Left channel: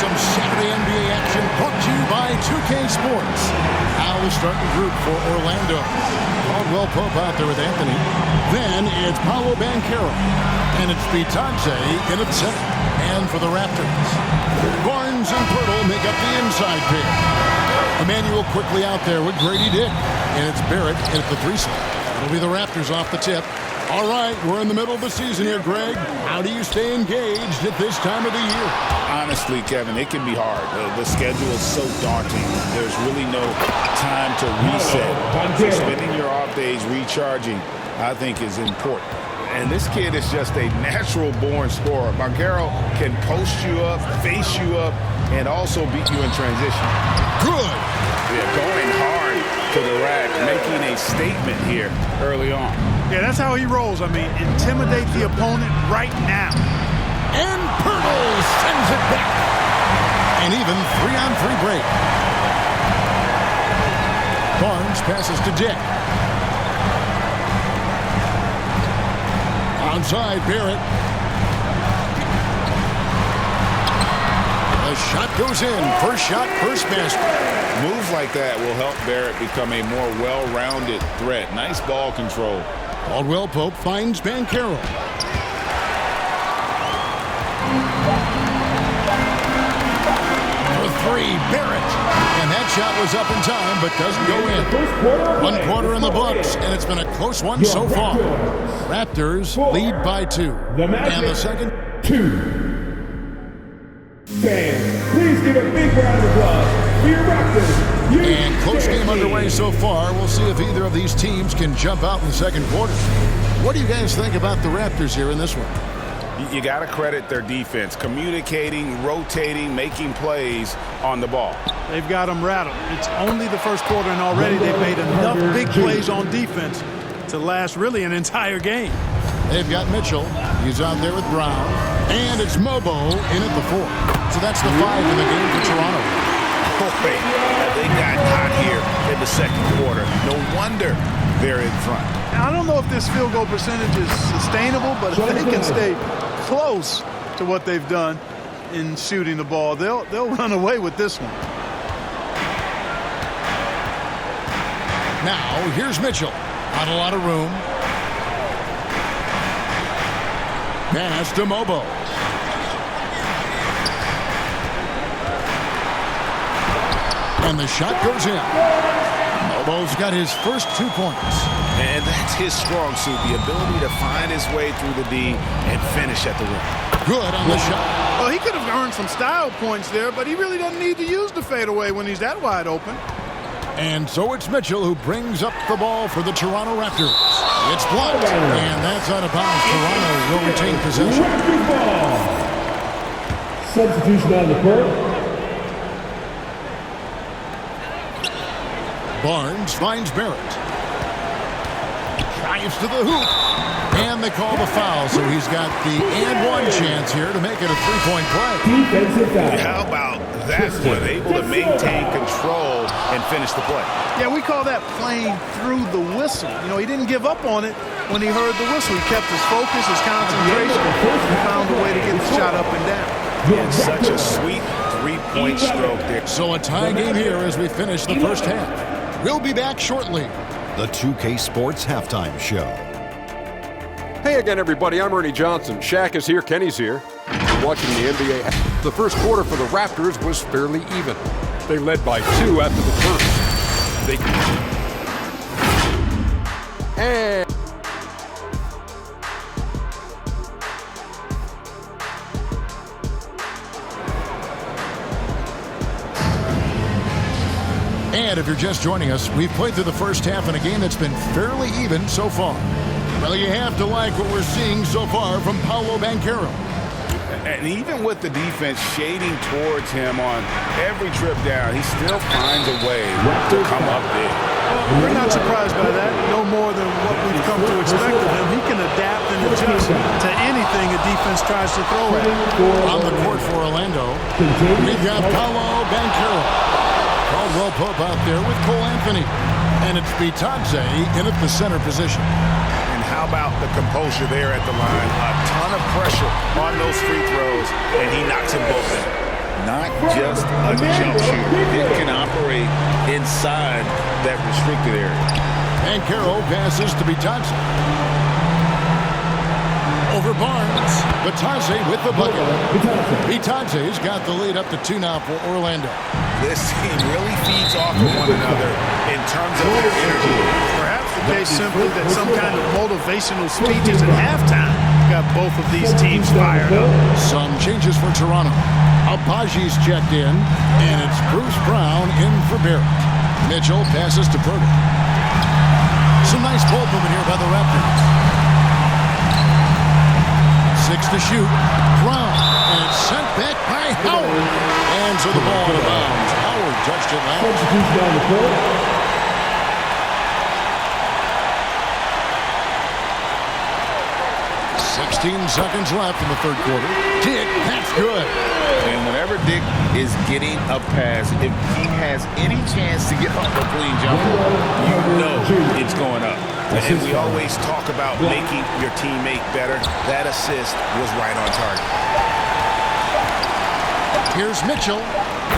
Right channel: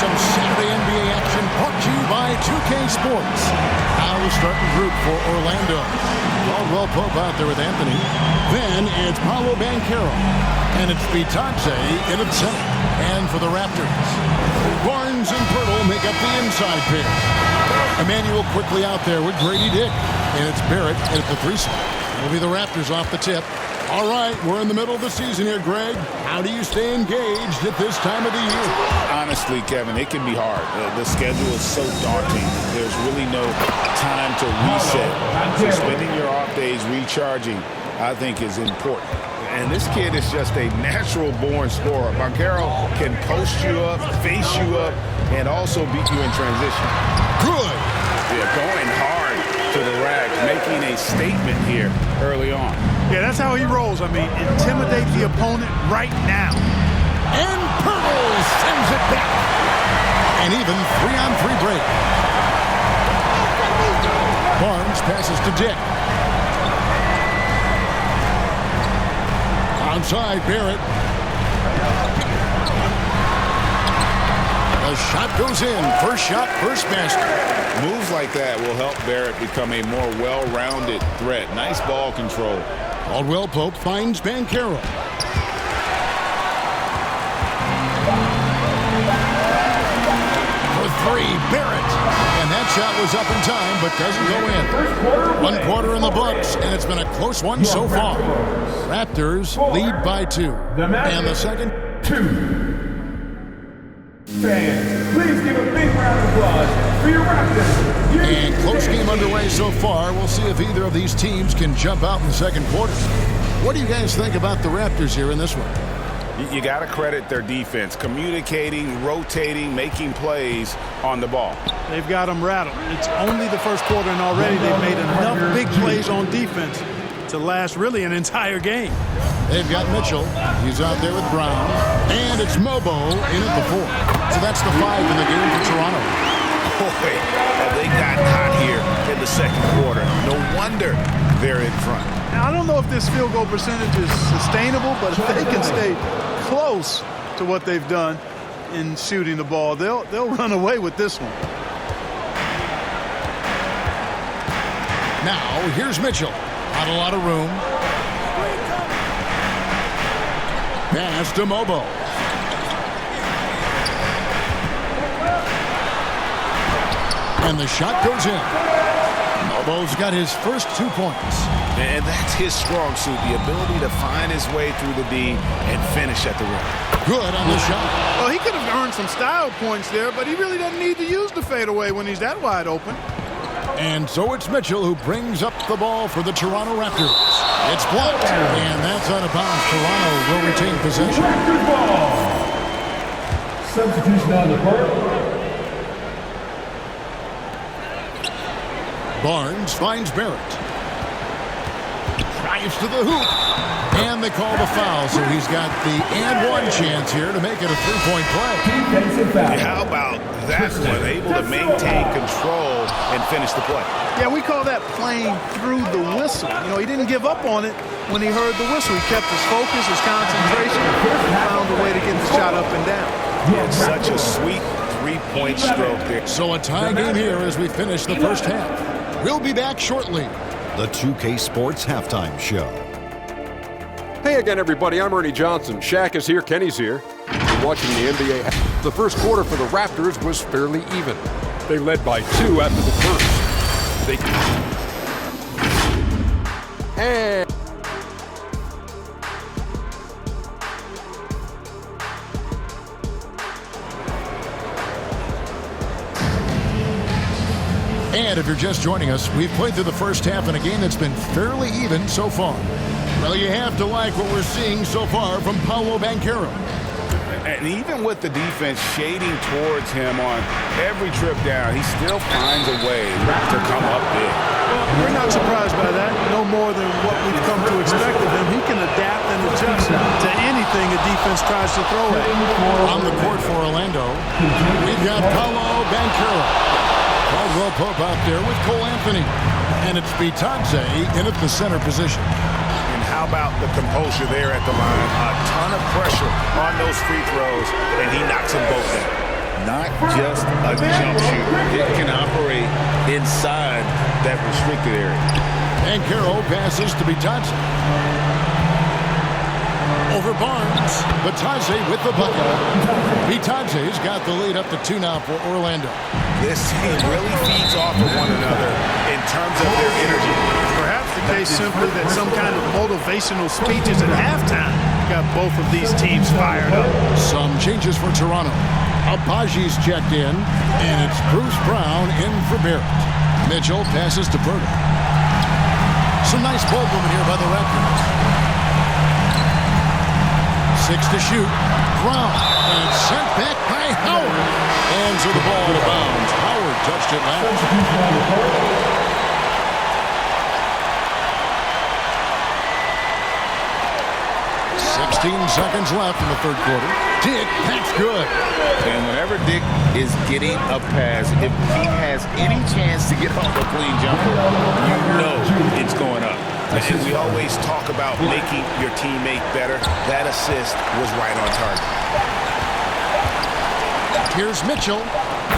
some Saturday NBA action brought to you by 2K Sports. Now the starting group for Orlando. Caldwell Pope out there with Anthony. Then it's Paolo Banchero. And it's Bitadze in at center. And for the Raptors, Barnes and Pirtle make up the inside pair. Emmanuel quickly out there with Grady Dick. And it's Barrett at the 3 slot. It'll be the Raptors off the tip. All right, we're in the middle of the season here, Greg. How do you stay engaged at this time of the year? Honestly, Kevin, it can be hard. The schedule is so daunting. There's really no time to reset. So spending your off days recharging, I think, is important. And this kid is just a natural-born scorer. Banchero can post you up, face you up, and also beat you in transition. Good. Yeah, going hard to the rack, making a statement here early on. Yeah, that's how he rolls. I mean, intimidate the opponent right now. And Pirtle sends it back. And even 3-on-3 break. Barnes passes to Dick. Outside, Barrett. The shot goes in. First shot, first basket. Moves like that will help Barrett become a more well-rounded threat. Nice ball control. Caldwell Pope finds Banchero. For 3, Barrett. And that shot was up in time, but doesn't go in. 1 quarter in the books, and it's been a close one so far. Raptors lead by 2. And the second. 2. Fans, please give a big round of applause for your Raptors. And close game underway so far. We'll see if either of these teams can jump out in the second quarter. What do you guys think about the Raptors here in this one? You got to credit their defense, communicating, rotating, making plays on the ball. They've got them rattled. It's only the first quarter, and already they've made enough big plays on defense to last really an entire game. They've got Mitchell. He's out there with Brown. And it's Mobo in at the 4. So that's the 5 in the game for Toronto. Boy, have they gotten hot here in the second quarter. No wonder they're in front. Now, I don't know if this field goal percentage is sustainable, but if they can stay close to what they've done in shooting the ball, they'll run away with this one. Now, here's Mitchell. Not a lot of room. Pass to Mobo. And the shot goes in. Mobo's got his first 2 points. And that's his strong suit, the ability to find his way through the D and finish at the rim. Good on the shot. Well, he could have earned some style points there, but he really doesn't need to use the fadeaway when he's that wide open. And so it's Mitchell who brings up the ball for the Toronto Raptors. It's blocked, and that's out of bounds. Toronto will retain possession. Raptors ball. Substitution on the court. Barnes finds Barrett. Drives to the hoop. And they call the foul, so he's got the and-one chance here to make it a 3-point play. Defensive foul. How about that one? Able to maintain control and finish the play. Yeah, we call that playing through the whistle. You know, he didn't give up on it when he heard the whistle. He kept his focus, his concentration, and found a way to get the shot up and down. It's such a sweet 3-point stroke there. So a tie game here as we finish the first half. We'll be back shortly. The 2K Sports Halftime Show. Hey again, everybody. I'm Ernie Johnson. Shaq is here. Kenny's here. You're watching the NBA. The first quarter for the Raptors was fairly even. They led by 2 after the first. And if you're just joining us, we've played through the first half in a game that's been fairly even so far. Well, you have to like what we're seeing so far from Paolo Banchero. And even with the defense shading towards him on every trip down, he still finds a way to come up big. Well, we're not surprised by that. No more than what we've come to expect of him. He can adapt and adjust to anything a defense tries to throw at him. On the court for Orlando, we've got Paolo Banchero. Caldwell Pope out there with Cole Anthony. And it's Bitadze in at the center position. And how about the composure there at the line? A ton of pressure on those free throws, and he knocks them both in. not just a jump shooter. It can operate inside that restricted area. And Carroll passes to Bitadze. Over Barnes. Bitadze with the bucket. Bitadze's got the lead up to 2 now for Orlando. This team really feeds off of one another in terms of their energy. Perhaps the case simply that some kind of motivational speeches at halftime got both of these teams fired up. Some changes for Toronto. Abaji's checked in, and it's Bruce Brown in for Barrett. Mitchell passes to Purdy. Some nice ball movement here by the Raptors. 6 to shoot. Brown, and it's sent back by Howard. And so the ball out of bounds. Howard touched it last. 16 seconds left in the third quarter. Dick, that's good. And whenever Dick is getting a pass, if he has any chance to get off a clean jumper, you know it's going up. And we always talk about making your teammate better. That assist was right on target. Here's Mitchell,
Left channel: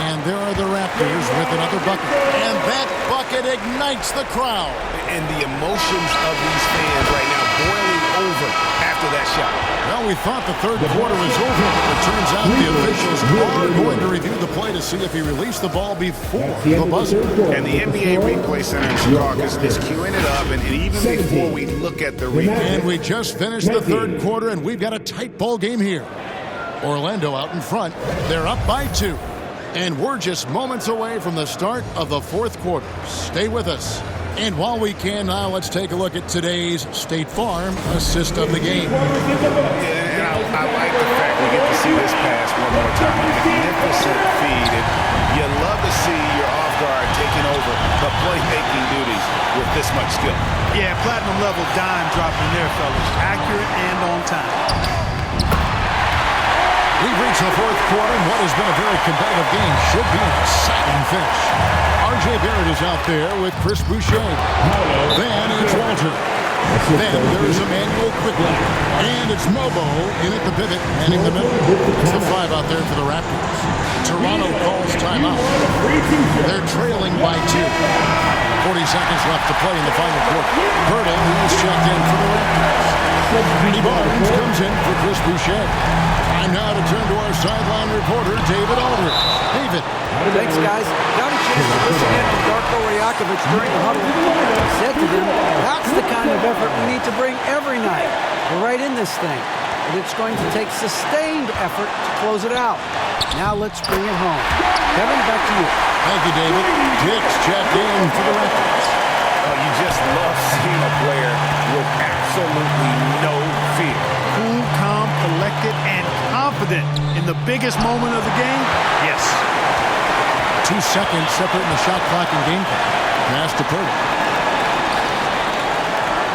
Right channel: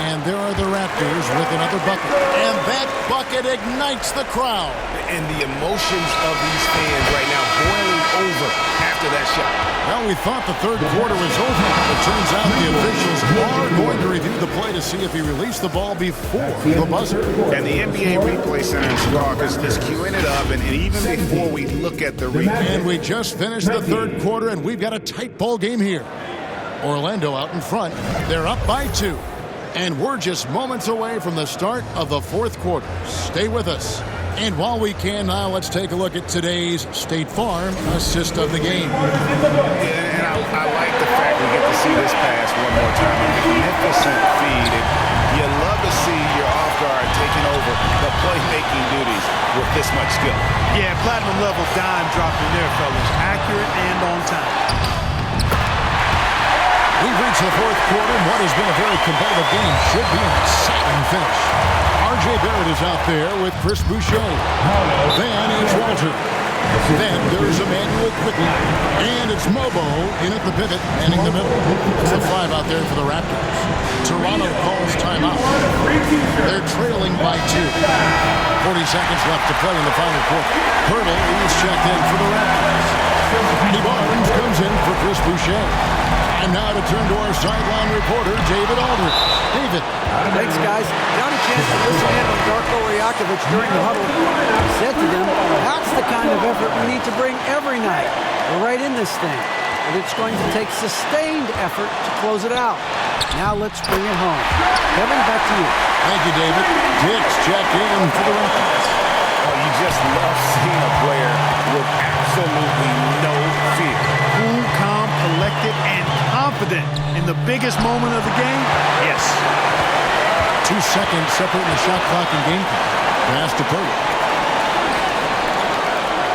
and there are the Raptors with another bucket. And that bucket ignites the crowd. And the emotions of these fans right now boiling over after that shot. Well, we thought the third quarter was over. It turns out the officials are going to review the play to see if he released the ball before the buzzer. And the NBA Replay Center in Chicago is queuing it up, and even before we look at the replay. And we just finished the third quarter, and we've got a tight ball game here. Orlando out in front. They're up by 2. And we're just moments away from the start of the fourth quarter. Stay with us. And while we can now, let's take a look at today's State Farm assist of the game. And I like the fact we get to see this pass one more time. A magnificent feed. And you love to see your off guard taking over the playmaking duties with this much skill. Yeah, platinum level dime dropping there, fellas. Accurate and on time. We've reached the fourth quarter, and what has been a very competitive game should be an exciting finish. R.J. Barrett is out there with Chris Boucher. Then it's Walter. Then there's Emmanuel quickly. And it's Mobo in at the pivot, manning the middle. That's the 5 out there for the Raptors. Toronto calls timeout. They're trailing by 2. 40 seconds left to play in the final quarter. Pirtle, he's checked in for the Raptors. Matty Barnes comes in for Chris Boucher. Time now to turn to our sideline reporter, David Aldridge. David. Thanks, guys. Got a chance to listen in on Darko Rajakovic during the huddle. I said to them, that's the kind of effort we need to bring every night. We're right in this thing, but it's going to take sustained effort to close it out. Now let's bring it home. Kevin, back to you. Thank you, David. Dick's checked in for the Raptors. Oh, you just love seeing a player with absolutely no fear. Cool, calm, collected, and confident in the biggest moment of the game? Yes. 2 seconds separating the shot clock and game clock. Pass to Purdy.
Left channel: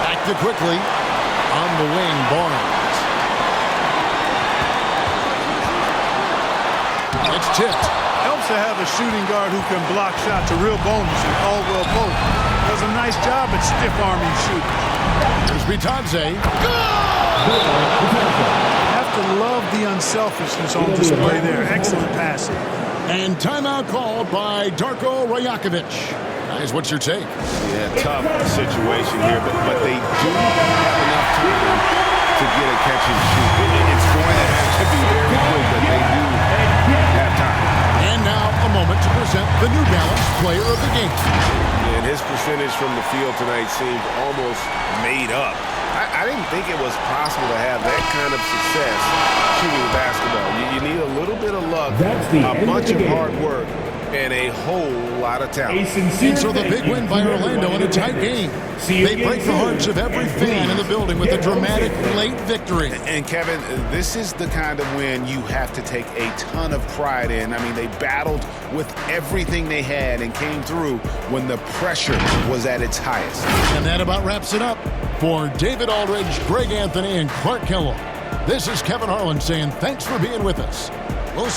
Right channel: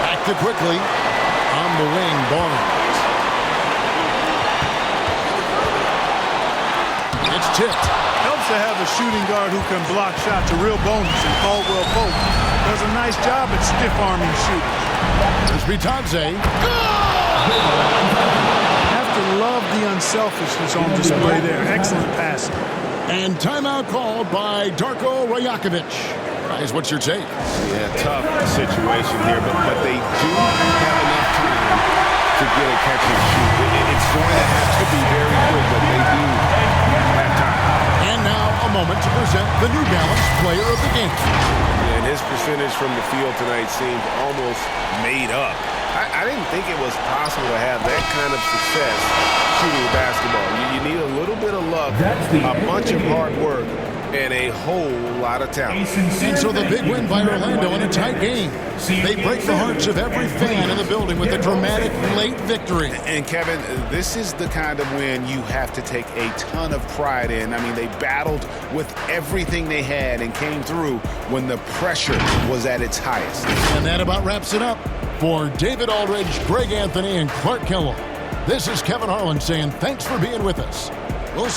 Back to quickly. On the wing, Barnes. It's tipped. Helps to have a shooting guard who can block shots. A real bonus, and Caldwell Pope does a nice job at stiff-arming shooters. There's Bitadze. Have to love the unselfishness on display there. Excellent passing. And timeout called by Darko Rajakovic. Guys, what's your take? Yeah, tough situation here, but they do have enough time to get a catch and shoot. It's going to have to be very quick, but they do have time. And now a moment to present the New Balance Player of the Game. And his percentage from the field tonight seemed almost made up. I didn't think it was possible to have that kind of success shooting the basketball. You need a little bit of luck, a bunch of hard work, and a whole lot of talent. And so the big win by Orlando in a tight game. They break the hearts of every fan in the building with a dramatic late victory. And Kevin, this is the kind of win you have to take a ton of pride in. I mean, they battled with everything they had and came through when the pressure was at its highest. And that about wraps it up. For David Aldridge, Greg Anthony, and Clark Kellogg, this is Kevin Harlan saying thanks for being with us. We'll